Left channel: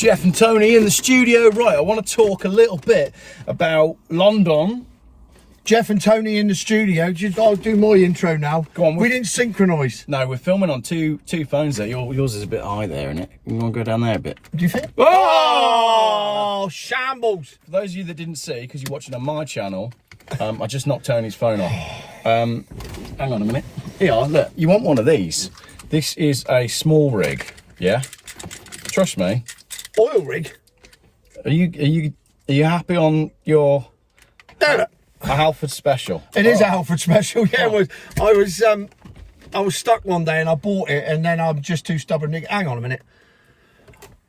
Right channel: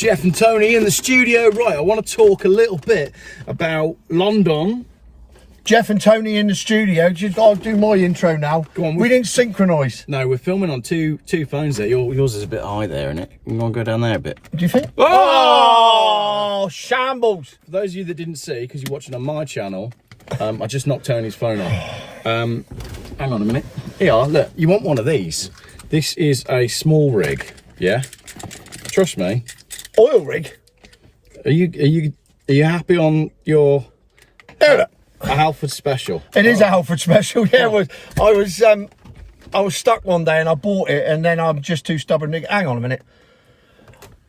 Geoff and Tony in the studio. Right, I want to talk a little bit about London. Geoff and Tony in the studio. I'll do my intro now. Go on. We didn't synchronise. No, we're filming on two phones there. Yours is a bit high there, isn't it? You want to go down there a bit? Do you think? Oh! Shambles. For those of you that didn't see, because you're watching on my channel, I just knocked Tony's phone off. Hang on a minute. Here, look, you want one of these. This is a small rig, yeah? Trust me. Oil rig? Are you happy on your No. a Halford special? It is a Halford special, yeah. I was stuck one day and I bought it, and then I'm just too stubborn to... Hang on a minute.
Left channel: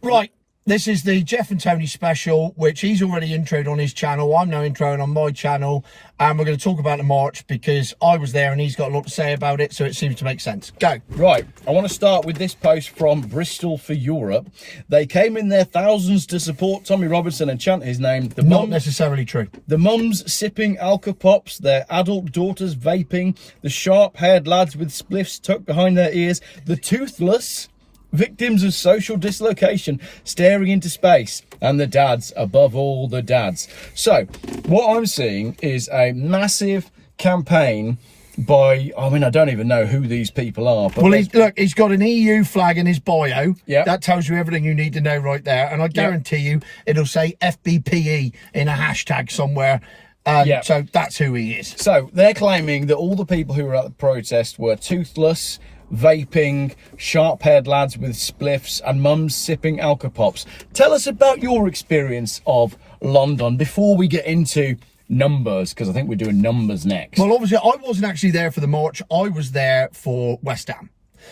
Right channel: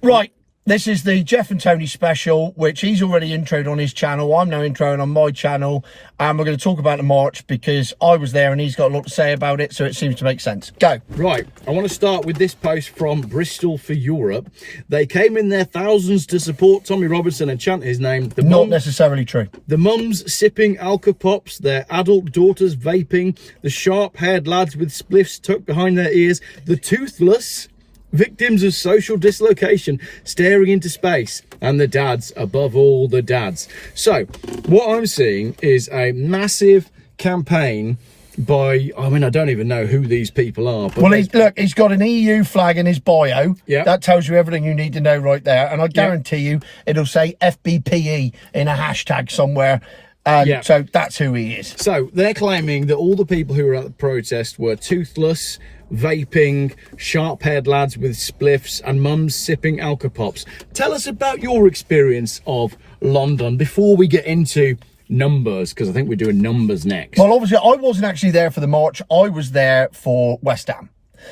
Right, this is the Geoff and Tony special, which he's already introed on his channel. I'm now introing on my channel, and we're going to talk about the march because I was there and he's got a lot to say about it, so it seems to make sense. Go. Right, I want to start with this post from Bristol for Europe. They came in their thousands to support Tommy Robinson and chant his name. Not necessarily true. The mums sipping Alka Pops, their adult daughters vaping, the sharp-haired lads with spliffs tucked behind their ears, the toothless victims of social dislocation staring into space, and the dads, above all the dads. So what I'm seeing is a massive campaign by, I mean, I don't even know who these people are. But well, he's got an EU flag in his bio. Yeah. That tells you everything you need to know right there. And I guarantee you it'll say FBPE in a hashtag somewhere. And so that's who he is. So they're claiming that all the people who were at the protest were toothless, vaping, sharp-haired lads with spliffs, and mums sipping Alka Pops. Tell us about your experience of London before we get into numbers, because I think we're doing numbers next. Well, obviously, I wasn't actually there for the march. I was there for West Ham.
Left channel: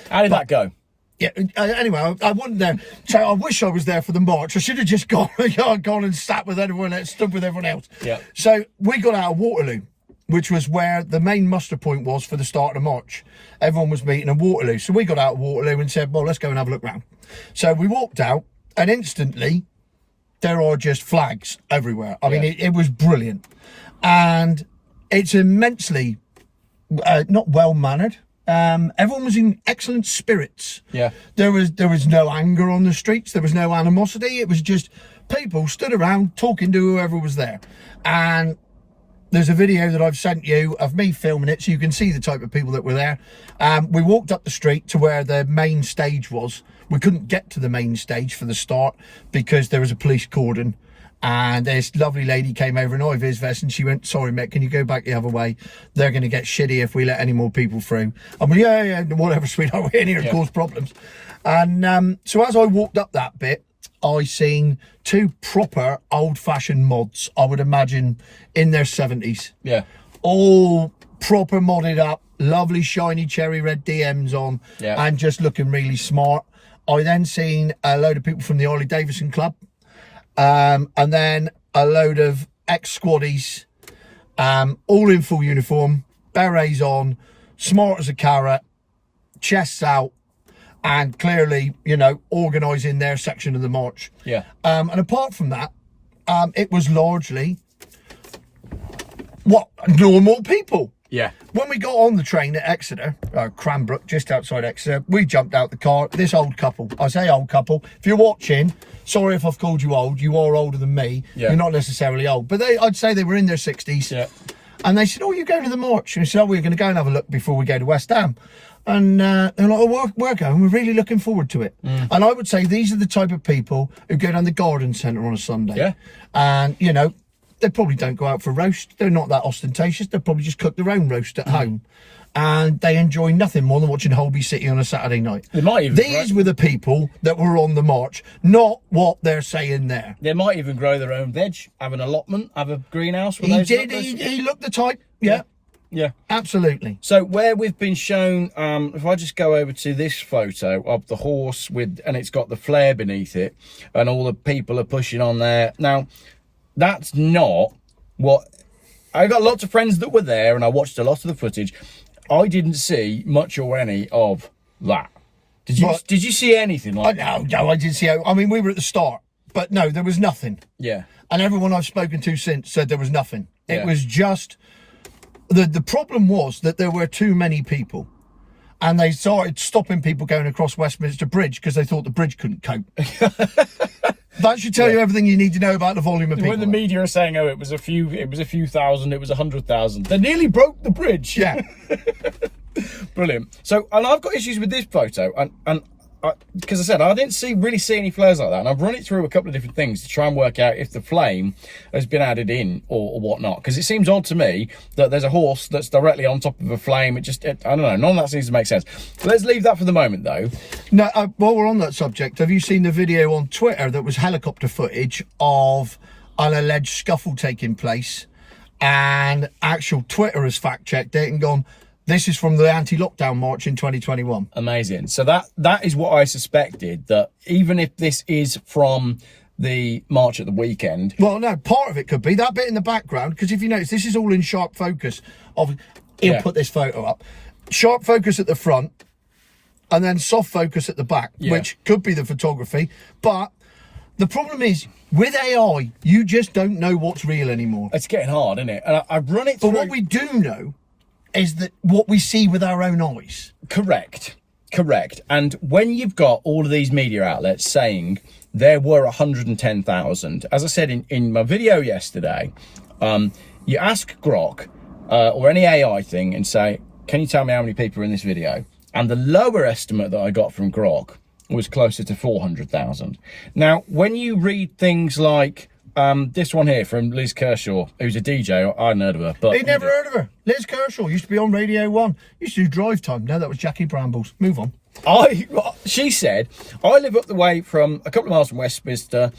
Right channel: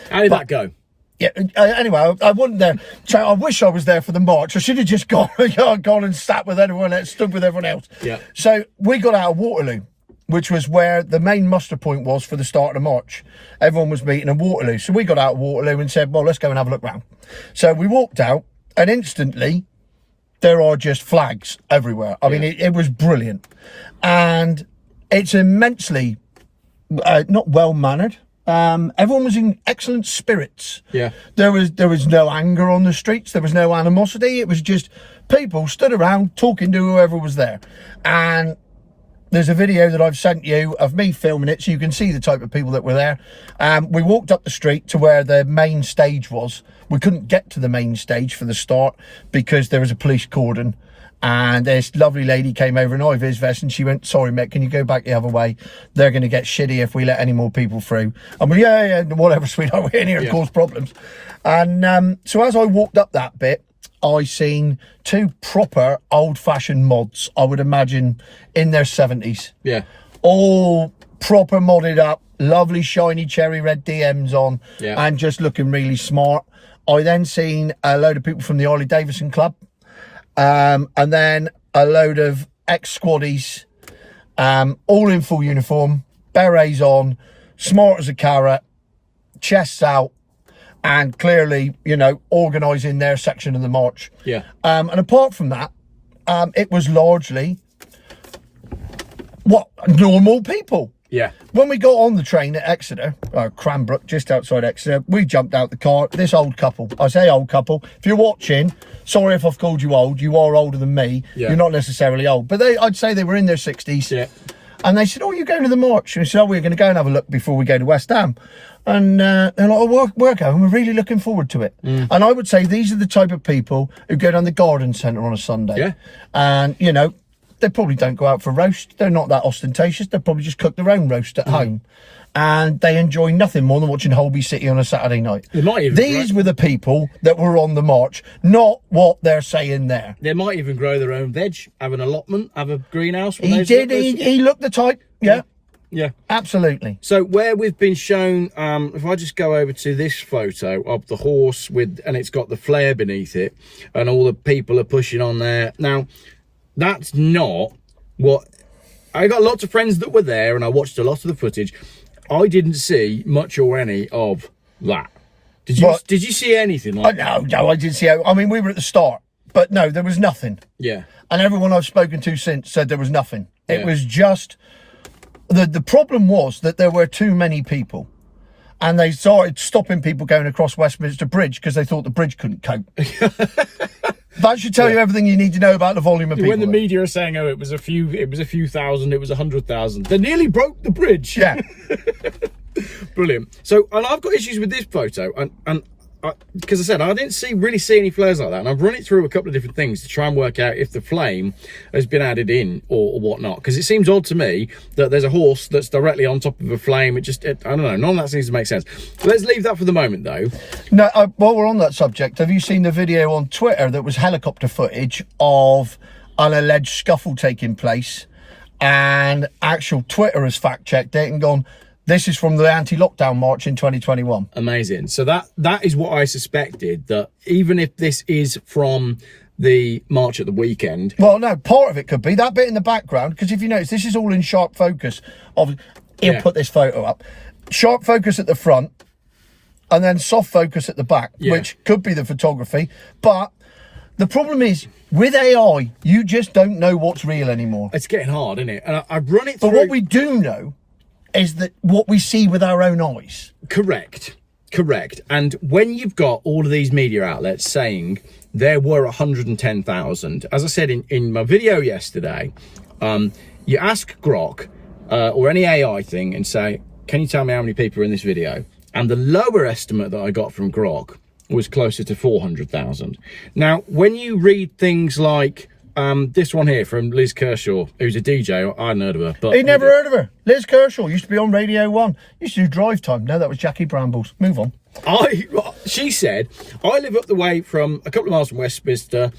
How did that go? Yeah. Anyway, I wasn't there, so I wish I was there for the march. I should have just gone and sat with everyone else, stood with everyone else. Yeah. So we got out of Waterloo, which was where the main muster point was for the start of the march. Everyone was meeting in Waterloo. So we got out of Waterloo and said, well, let's go and have a look round. So we walked out, and instantly there are just flags everywhere. I mean, it was brilliant. And it's immensely not well-mannered. Everyone was in excellent spirits. Yeah. There was no anger on the streets. There was no animosity. It was just people stood around talking to whoever was there. And there's a video that I've sent you of me filming it, so you can see the type of people that were there. We walked up the street to where the main stage was. We couldn't get to the main stage for the start because there was a police cordon. And this lovely lady came over in high-vis vest, and she went, sorry, mate, can you go back the other way? They're going to get shitty if we let any more people through. I mean, yeah, whatever, sweetheart, we're in here to cause problems. And so as I walked up that bit, I seen two proper old-fashioned mods, I would imagine, in their 70s. Yeah. All proper modded up, lovely shiny cherry red DMs on, and just looking really smart. I then seen a load of people from the Harley Davidson Club, and then a load of ex-squaddies, all in full uniform, berets on, smart as a carrot, chests out, and clearly, you know, organising their section of the march. Yeah. And apart from that, it was largely normal people. Yeah. When we got on the train at Exeter, Cranbrook, just outside Exeter, we jumped out the car. This old couple, I say old couple, if you're watching, sorry if I've called you old, you are older than me. Yeah. You're not necessarily old, but I'd say they were in their 60s. Yeah. And they said, oh, you're going to the march? And we said, oh, we're going to go and have a look before we go to West Ham. And they're like, oh, we're going, we're really looking forward to it. And I would say these are the type of people who go down the garden centre on a Sunday. Yeah. And, you know, they probably don't go out for roast. They're not that ostentatious. They probably just cook their own roast at home. And they enjoy nothing more than watching Holby City on a Saturday night. These were the people that were on the march, not what they're saying there. They might even grow their own veg, have an allotment, have a greenhouse. He looked the type, yeah. Yeah, absolutely. So where we've been shown, if I just go over to this photo of the horse and it's got the flare beneath it, and all the people are pushing on there. Now, that's not what I got. Lots of friends that were there, and I watched a lot of the footage. I didn't see much or any of that. Did you? Did you see anything like that? No, I didn't see. I mean, we were at the start, but no, there was nothing. Yeah. And everyone I've spoken to since said there was nothing. It was just. The problem was that there were too many people, and they started stopping people going across Westminster Bridge because they thought the bridge couldn't cope. That should tell you everything you need to know about the volume of people. When the media are saying, "Oh, it was a few thousand, it was 100,000," they nearly broke the bridge. Yeah. Brilliant. So, and I've got issues with this photo, and because I said I didn't really see any flares like that, and I've run it through a couple of different things to try and work out if the flame has been added in or whatnot, because it seems odd to me that there's a horse that's directly on top of a flame. I don't know, none of that seems to make sense. So let's leave that for the moment though. No, while we're on that subject, have you seen the video on Twitter that was helicopter footage of an alleged scuffle taking place, and actual Twitter has fact checked it and gone, this is from the anti-lockdown march in 2021. Amazing. So that is what I suspected, that even if this is from the march at the weekend. Well, no, part of it could be that bit in the background, because if you notice, this is all in sharp focus. He'll put this photo up. Sharp focus at the front, and then soft focus at the back, which could be the photography. But the problem is, with AI, you just don't know what's real anymore. It's getting hard, isn't it? And I've run it through. But what we do know is that what we see with our own eyes. Correct. And when you've got all of these media outlets saying there were 110,000, as I said in my video yesterday, you ask Grok or any AI thing and say, can you tell me how many people are in this video? And the lower estimate that I got from Grok was closer to 400,000. Now, when you read things like this one here from Liz Kershaw, who's a DJ. I hadn't heard of her. But he'd never heard of her. Liz Kershaw used to be on Radio 1. Used to do Drive Time. No, that was Jackie Brambles. Move on. She said, I live up the way from a couple of miles from Westminster.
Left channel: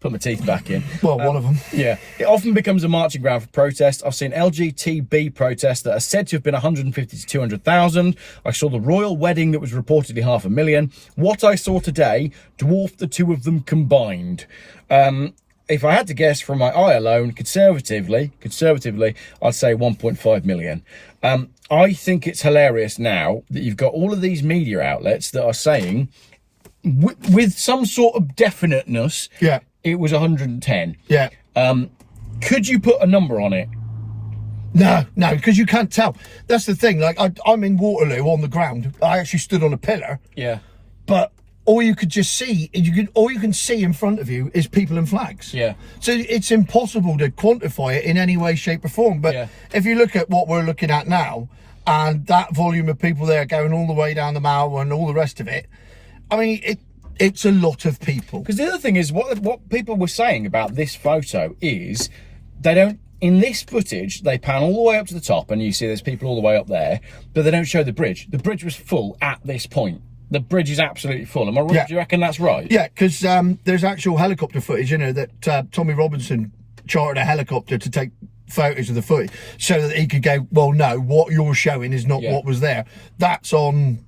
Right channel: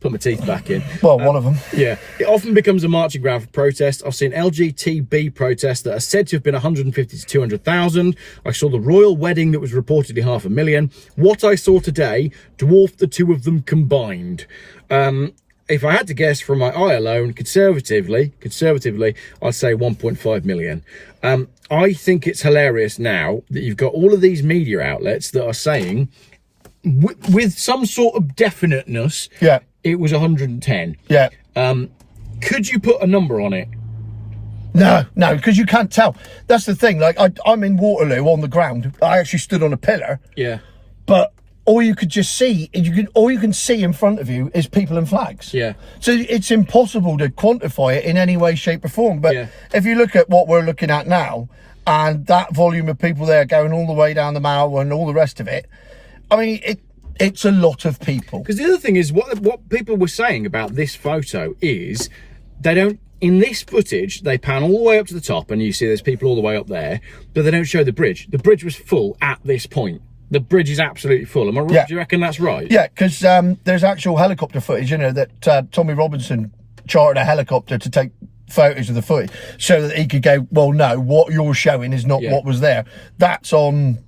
Put my teeth back in. Well, one of them. Yeah. It often becomes a marching ground for protest. I've seen LGTB protests that are said to have been 150 to 200,000. I saw the royal wedding that was reportedly 500,000. What I saw today dwarfed the two of them combined. If I had to guess from my eye alone, conservatively, I'd say 1.5 million. I think it's hilarious now that you've got all of these media outlets that are saying, with some sort of definiteness, it was 110. Yeah. Could you put a number on it? No, because you can't tell. That's the thing. Like, I'm in Waterloo on the ground. I actually stood on a pillar. Yeah. But all you could just see, all you can see in front of you is people and flags. Yeah. So it's impossible to quantify it in any way, shape or form. But if you look at what we're looking at now, and that volume of people there going all the way down the Mall and all the rest of it, I mean, it's a lot of people. Because the other thing is, what people were saying about this photo is, they don't, in this footage, they pan all the way up to the top and you see there's people all the way up there, but they don't show the bridge. The bridge was full at this point. The bridge is absolutely full. Am I right? Do you reckon that's right? Yeah, because there's actual helicopter footage, that Tommy Robinson chartered a helicopter to take photos of the footage so that he could go, well, no, what you're showing is not what was there. That's on,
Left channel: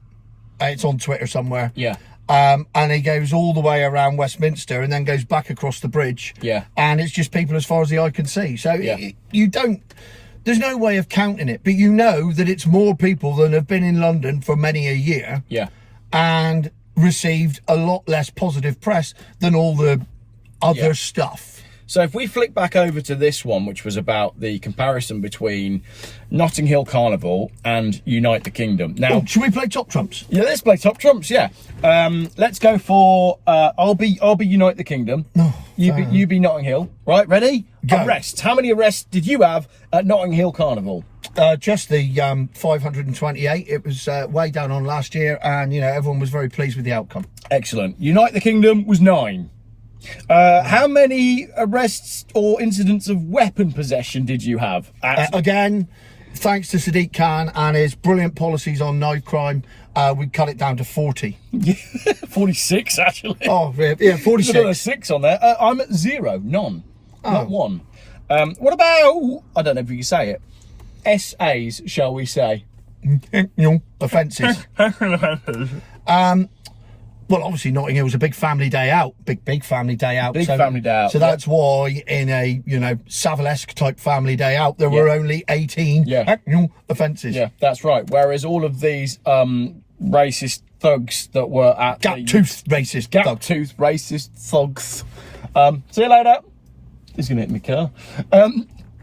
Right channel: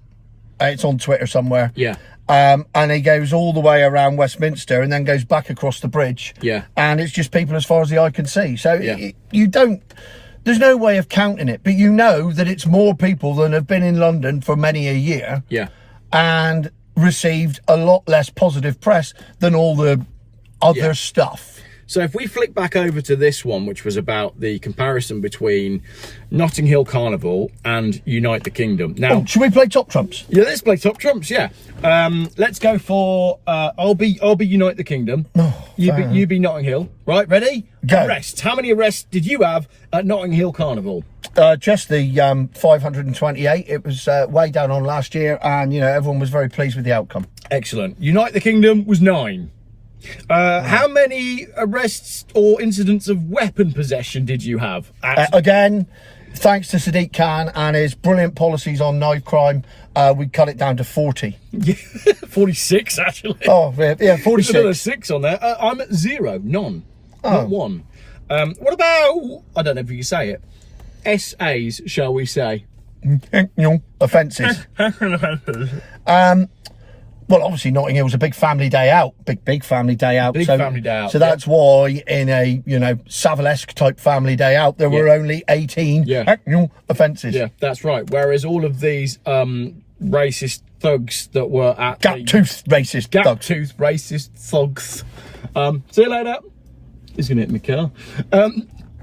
it's on Twitter somewhere. Yeah. And he goes all the way around Westminster and then goes back across the bridge. Yeah. And it's just people as far as the eye can see. So you don't, there's no way of counting it, but you know that it's more people than have been in London for many a year. Yeah. And received a lot less positive press than all the other stuff. So if we flick back over to this one, which was about the comparison between Notting Hill Carnival and Unite the Kingdom. Now, should we play Top Trumps? Yeah, let's play Top Trumps. Yeah, let's go for I'll be Unite the Kingdom. You be Notting Hill. Right, ready? Go. Arrests. How many arrests did you have at Notting Hill Carnival? Just the 528. It was way down on last year, and everyone was very pleased with the outcome. Excellent. Unite the Kingdom was 9. How many arrests or incidents of weapon possession did you have? Again, thanks to Sadiq Khan and his brilliant policies on knife crime, we cut it down to 40. 46 actually. Oh yeah, 46. There's another 6 on there. I'm at 0, none, not 1. What about, I don't know if you can say it, SAs, shall we say? Offences. Well, obviously Notting Hill was a big family day out, big family day out. Family day out. So that's why in a Savile-esque type family day out, there were only 18 offences. Yeah, that's right. Whereas all of these racist thugs that were at gap-toothed racist thugs. See you later. He's gonna hit my car.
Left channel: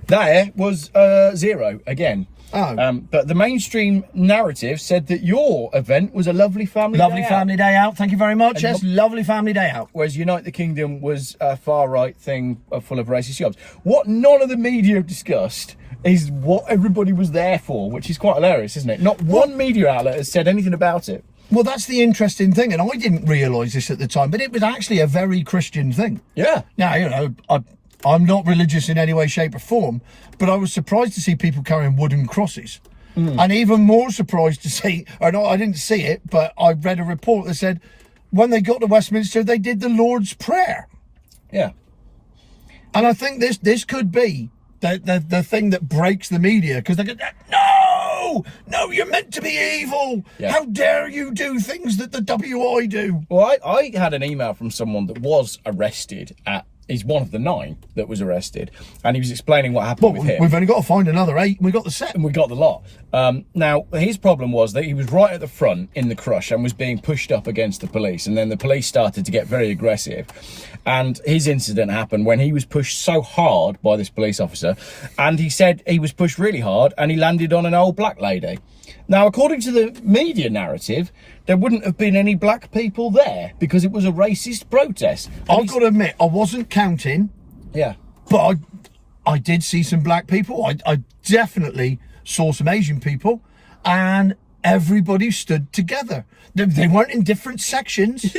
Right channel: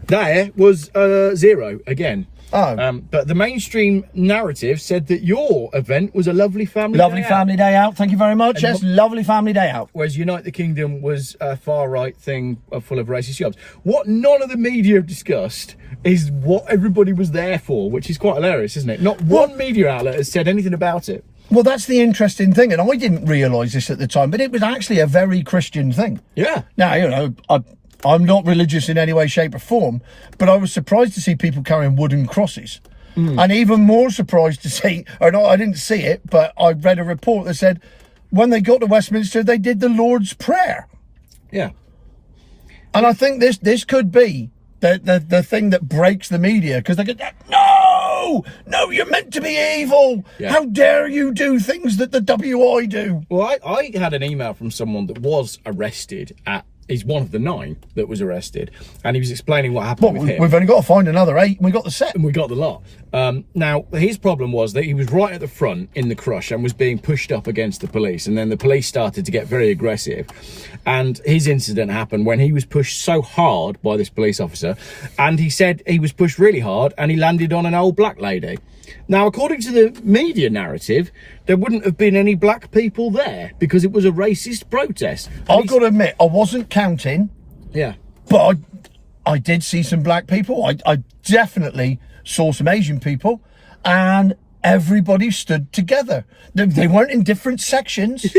There was 0 again. Oh. But the mainstream narrative said that your event was a lovely family day out. Thank you very much. Yes, lovely family day out. Whereas Unite the Kingdom was a far-right thing full of racist jobs. What none of the media have discussed is what everybody was there for, which is quite hilarious, isn't it? Not one media outlet has said anything about it. Well, that's the interesting thing, and I didn't realise this at the time, but it was actually a very Christian thing. Yeah. Now, you know, I'm not religious in any way, shape or form, but I was surprised to see people carrying wooden crosses. And even more surprised to see, or no, I didn't see it, but I read a report that said when they got to Westminster, they did the Lord's Prayer. Yeah. And I think this could be the thing that breaks the media, because they go, no, you're meant to be evil. Yeah. How dare you do things that the WI do? Well, I had an email from someone that was arrested he's one of the 9 that was arrested, and he was explaining what happened with him. We've only got to find another 8. We got the set. And we got the lot. Now, his problem was that he was right at the front in the crush and was being pushed up against the police, and then the police started to get very aggressive. And his incident happened when he was pushed so hard by this police officer, and he said he was pushed really hard and he landed on an old black lady. Now, according to the media narrative, there wouldn't have been any black people there because it was a racist protest. I've got to admit, I wasn't counting. Yeah. But I did see some black people. I definitely saw some Asian people, and everybody stood together. They weren't in different sections.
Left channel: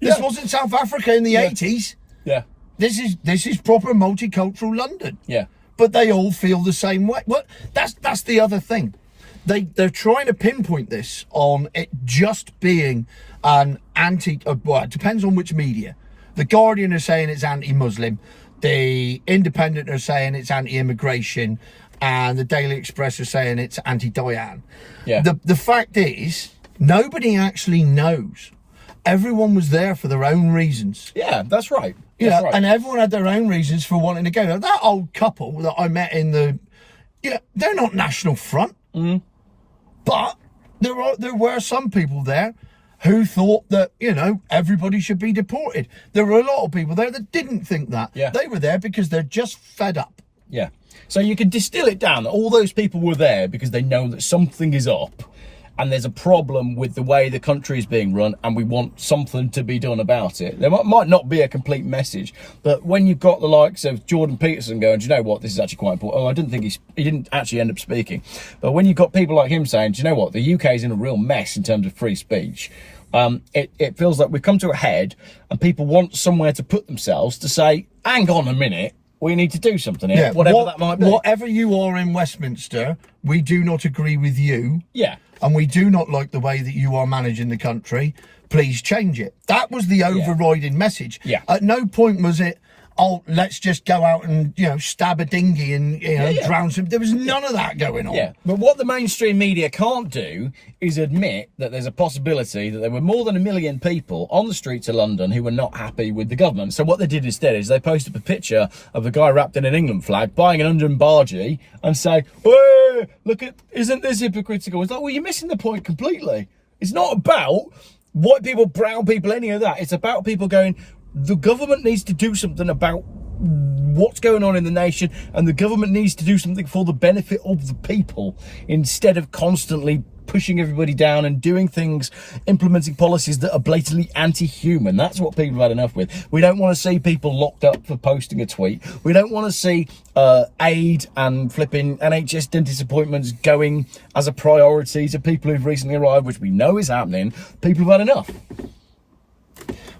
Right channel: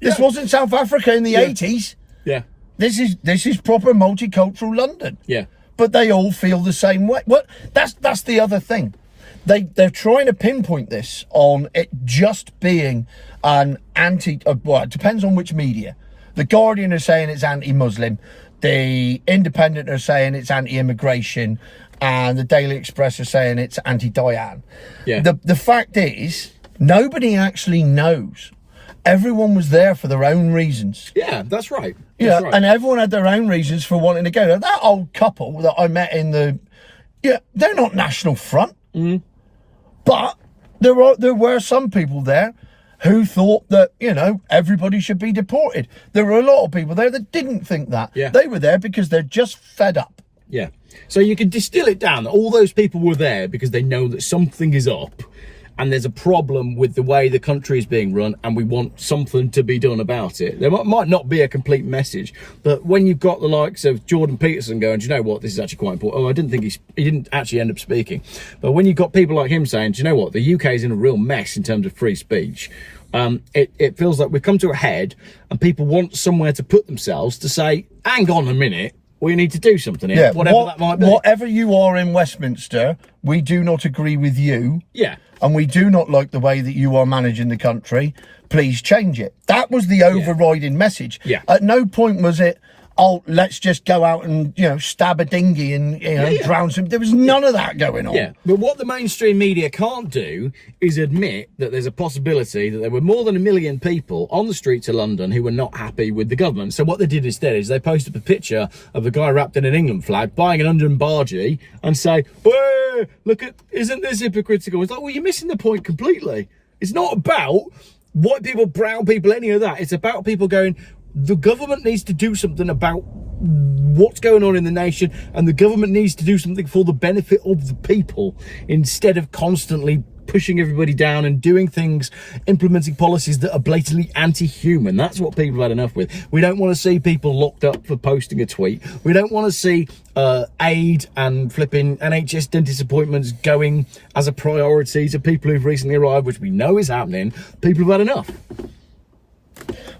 This wasn't South Africa in the 80s. Yeah. This is proper multicultural London. Yeah. But they all feel the same way. Well, that's the other thing. They're trying to pinpoint this on it just being an well, it depends on which media. The Guardian are saying it's anti-Muslim, the Independent are saying it's anti-immigration, and the Daily Express are saying it's anti-Diane. Yeah. The fact is, nobody actually knows. Everyone was there for their own reasons. Yeah, that's right. Yeah, and everyone had their own reasons for wanting to go. Now, that old couple that I met they're not National Front. But there were some people there who thought that, you know, everybody should be deported. There were a lot of people there that didn't think that. Yeah. They were there because they're just fed up. Yeah. So you can distill it down. All those people were there because they know that something is up and there's a problem with the way the country is being run, and we want something to be done about it. There might not be a complete message, but when you've got the likes of Jordan Peterson going, do you know what, this is actually quite important. Oh, I didn't think he didn't actually end up speaking. But when you've got people like him saying, do you know what, the UK is in a real mess in terms of free speech, it feels like we've come to a head and people want somewhere to put themselves to say, hang on a minute, we need to do something here, whatever that might be. Whatever you are in Westminster, we do not agree with you. Yeah. And we do not like the way that you are managing the country. Please change it. That was the overriding message. Yeah. At no point was it, oh, let's just go out and, you know, stab a dinghy and, you know, drown some. There was none of that going on. Yeah, but what the mainstream media can't do is admit that there's a possibility that there were more than 1 million people on the streets of London who were not happy with the government. So what they did instead is they posted a picture of a guy wrapped in an England flag buying an London bargee and say, hey, look at, isn't this hypocritical? It's like, well, you're missing the point completely. It's not about white people, brown people, any of that. It's about people going, the government needs to do something about what's going on in the nation, and the government needs to do something for the benefit of the people instead of constantly pushing everybody down and doing things, implementing policies that are blatantly anti-human. That's what people have had enough with. We don't want to see people locked up for posting a tweet. We don't want to see aid and flipping NHS dentist appointments going as a priority to people who've recently arrived, which we know is happening. People have had enough.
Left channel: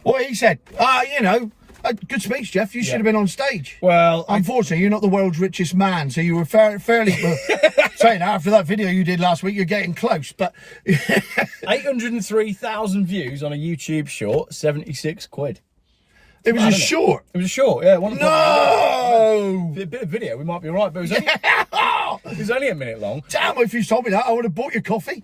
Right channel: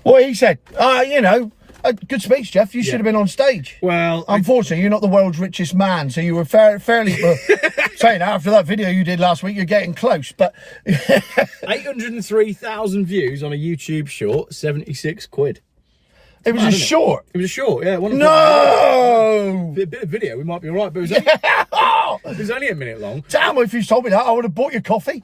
Well, he said, you know, good speech, Geoff. You should have been on stage. Well, unfortunately, you're not the world's richest man, so you were fairly saying after that video you did last week, you're getting close. But 803,000 views on a YouTube short, 76 quid. It was a short. It was a short, yeah. No! A bit of video, we might be all right, but it was only a minute long. Damn, if you told me that, I would have bought you coffee.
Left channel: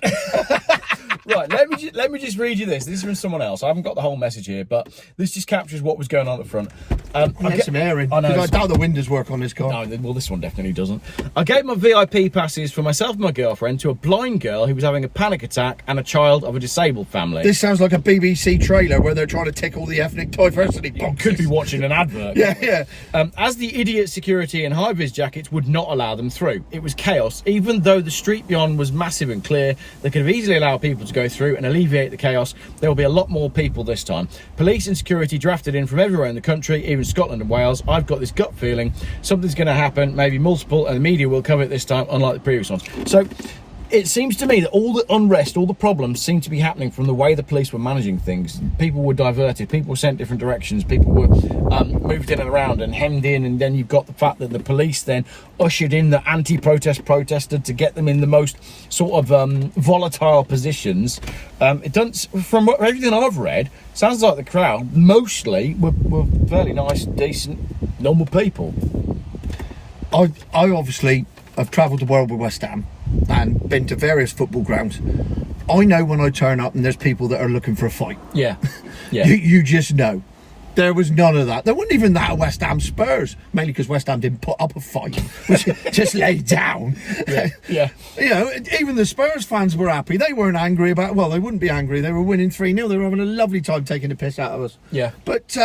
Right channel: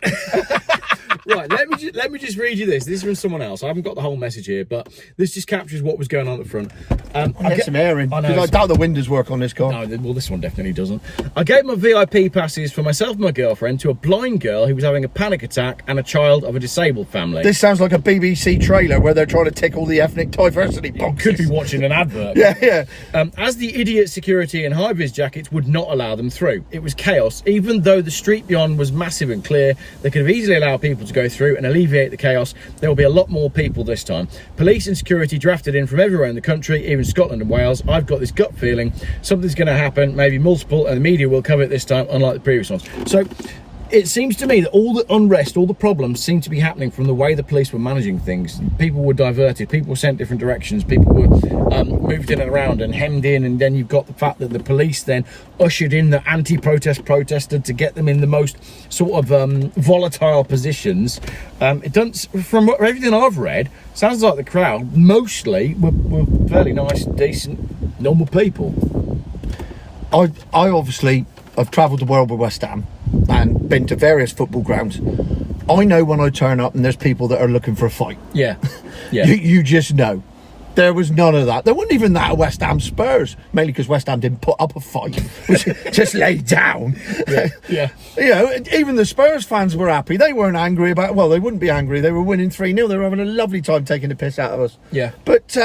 Right, let me just read you this. This is from someone else. I haven't got the whole message here, but this just captures what was going on at the front. I get some air in. I know. I doubt the windows work on this car. No, well, this one definitely doesn't. I gave my VIP passes for myself and my girlfriend to a blind girl who was having a panic attack and a child of a disabled family. This sounds like a BBC trailer where they're trying to tick all the ethnic diversity boxes. Could be watching an advert. Yeah. As the idiot security in high-vis jackets would not allow them through. It was chaos. Even though the street beyond was massive and clear, they could have easily allowed people to go through and alleviate the chaos. There will be a lot more people this time. Police and security drafted in from everywhere in the country, even Scotland and Wales. I've got this gut feeling something's going to happen, maybe multiple, and the media will cover it this time, unlike the previous ones. So it seems to me that all the unrest, all the problems seem to be happening from the way the police were managing things. People were diverted, people were sent different directions, people were moved in and around and hemmed in, and then you've got the fact that the police then ushered in the anti-protest protester to get them in the most sort of volatile positions. It doesn't, from everything I've read, sounds like the crowd mostly were fairly nice, decent, normal people. I obviously have travelled the world with West Ham and been to various football grounds. I know when I turn up and there's people that are looking for a fight. Yeah. You just know. There was none of that. There wasn't even that at West Ham Spurs, mainly because West Ham didn't put up a fight, which just laid down. Yeah. You know, even the Spurs fans were happy. They weren't angry about, well, they wouldn't be angry. They were winning 3-0. They were having a lovely time taking the piss out of us. Yeah. But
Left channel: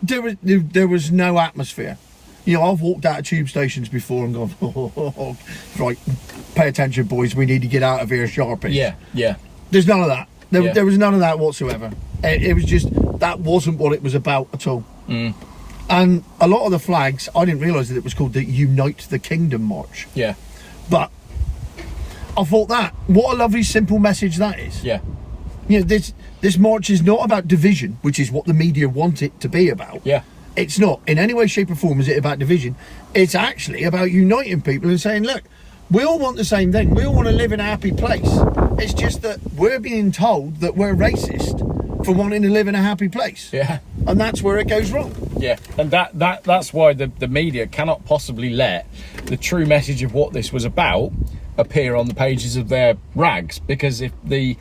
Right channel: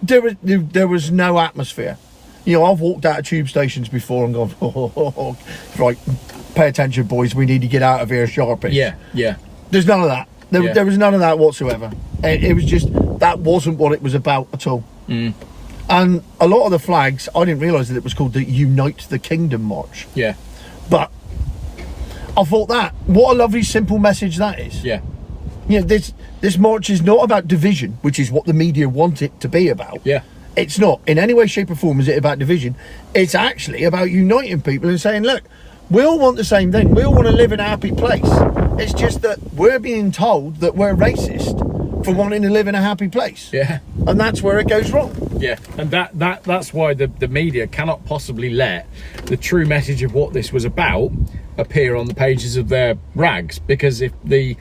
there was no atmosphere. You know, I've walked out of tube stations before and gone, right, pay attention, boys, we need to get out of here sharpish. Yeah. There's none of that. There was none of that whatsoever. It was just, that wasn't what it was about at all. And a lot of the flags, I didn't realise that it was called the Unite the Kingdom March. Yeah. But I thought what a lovely simple message that is. Yeah. You know, this march is not about division, which is what the media want it to be about. Yeah. It's not. In any way, shape or form is it about division. It's actually about uniting people and saying, look, we all want the same thing. We all want to live in a happy place. It's just that we're being told that we're racist for wanting to live in a happy place. Yeah. And that's where it goes wrong. Yeah. And that's why the media cannot possibly let the true message of what this was about appear on the pages of their rags. Because if the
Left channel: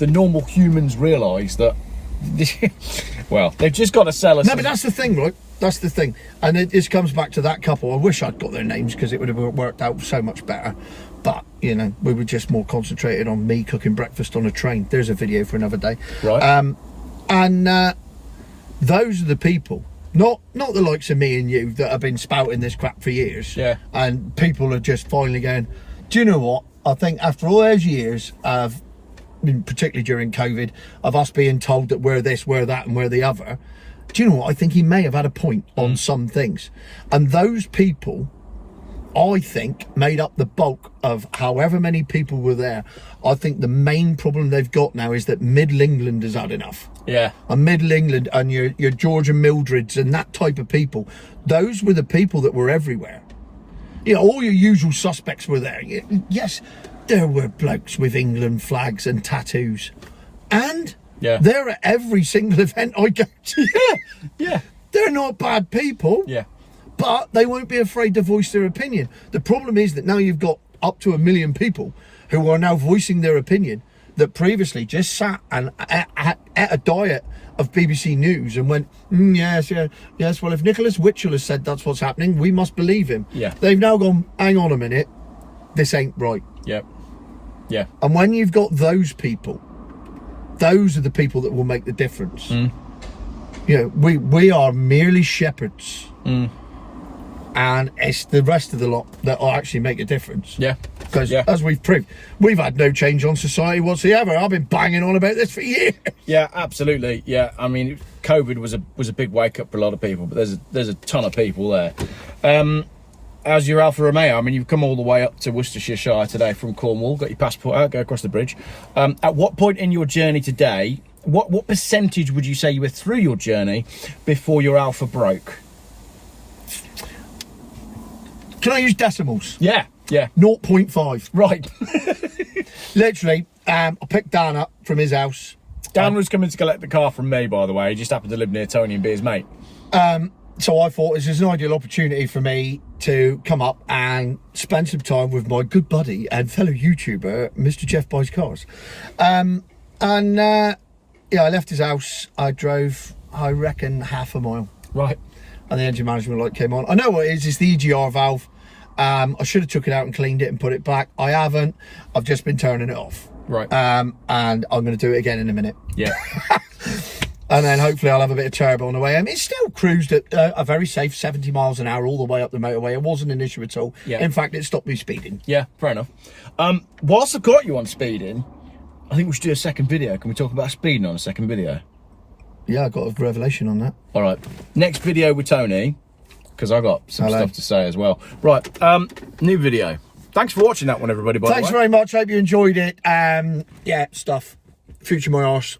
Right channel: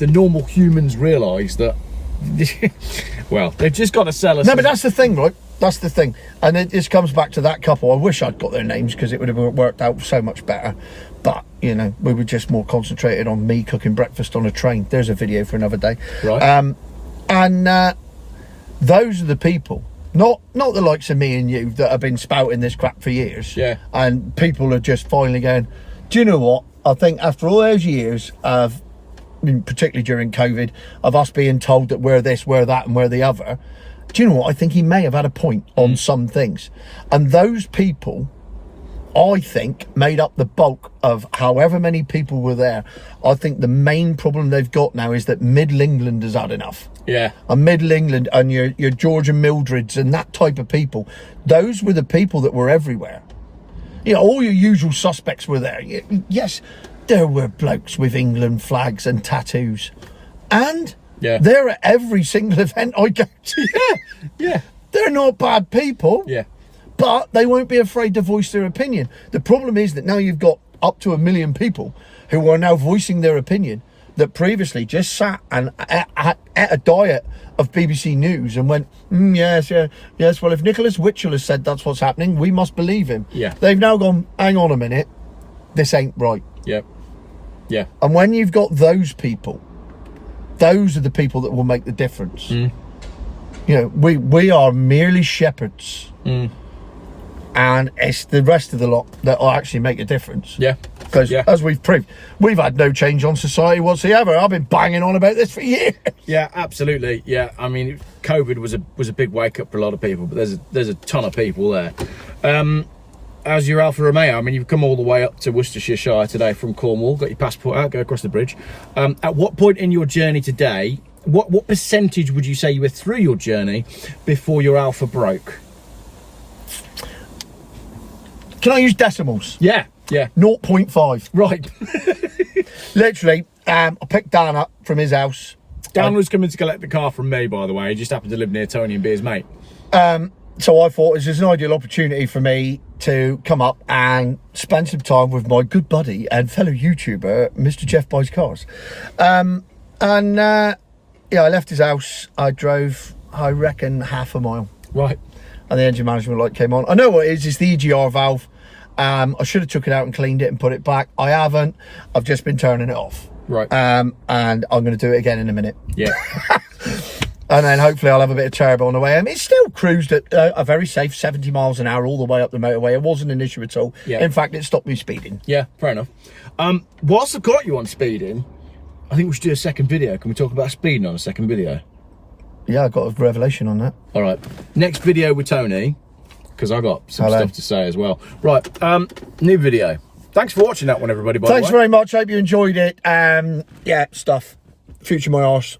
normal humans realise that, well, they've just got to sell us. No, but that's the thing, right? That's the thing. And this comes back to that couple. I wish I'd got their names because it would have worked out so much better. But, you know, we were just more concentrated on me cooking breakfast on a train. There's a video for another day. Right. Those are the people, not the likes of me and you that have been spouting this crap for years. Yeah. And people are just finally going, do you know what? I think after all those years of, particularly during COVID, of us being told that we're this, we're that, and we're the other, do you know what? I think he may have had a point on some things. And those people, I think, made up the bulk of however many people were there. I think the main problem they've got now is that Middle England has had enough. Yeah. And Middle England and your George and Mildreds and that type of people, those were the people that were everywhere. You know, all your usual suspects were there. Yes, there were blokes with England flags and tattoos. And they're at every single event I go to. Yeah. They're not bad people. Yeah. But they won't be afraid to voice their opinion. The problem is that now you've got up to 1 million people who are now voicing their opinion that previously just sat and ate a diet of BBC News and went, yes, well, if Nicholas Witchell has said that's what's happening, we must believe him. Yeah. They've now gone, hang on a minute, this ain't right. Yeah. Yeah. And when you've got those people, those are the people that will make the difference. You know, we are merely shepherds. And it's the rest of the lot that will actually make a difference. Yeah. Because as we've proved, we've had no change on society whatsoever. I've been banging on about this for years. Yeah, absolutely. Yeah, I mean, COVID was a big wake up for a lot of people, but there's a ton of people there. As your Alfa Romeo, I mean, you've come all the way up to Worcestershire today from Cornwall, got your passport out, go across the bridge. At what point in your journey today, what percentage would you say you were through your journey before your Alfa broke? Can I use decimals? Yeah. 0.5. Right. Literally, I picked Dan up from his house. Dan was coming to collect the car from me, by the way. He just happened to live near Tony and be his mate. So I thought this is an ideal opportunity for me to come up and spend some time with my good buddy and fellow YouTuber, Mr. Geoff Buys Cars. Yeah, I left his house. I drove, I reckon, half a mile. Right. And the engine management light came on. I know what it is. It's the EGR valve. I should have took it out and cleaned it and put it back. I haven't. I've just been turning it off. Right. And I'm going to do it again in a minute. Yeah. And then hopefully I'll have a bit of turbo on the way. It still cruised at a very safe 70 miles an hour all the way up the motorway. It wasn't an issue at all. Yeah. In fact, it stopped me speeding. Yeah, fair enough. Whilst I've got you on speeding, I think we should do a second video. Can we talk about speeding on a second video? Yeah, I got a revelation on that. All right. Next video with Tony, because I got some stuff to say as well. Right. New video. Thanks for watching that one, everybody. By the way. Thanks very much. Hope you enjoyed it. Yeah, stuff. Future my arse.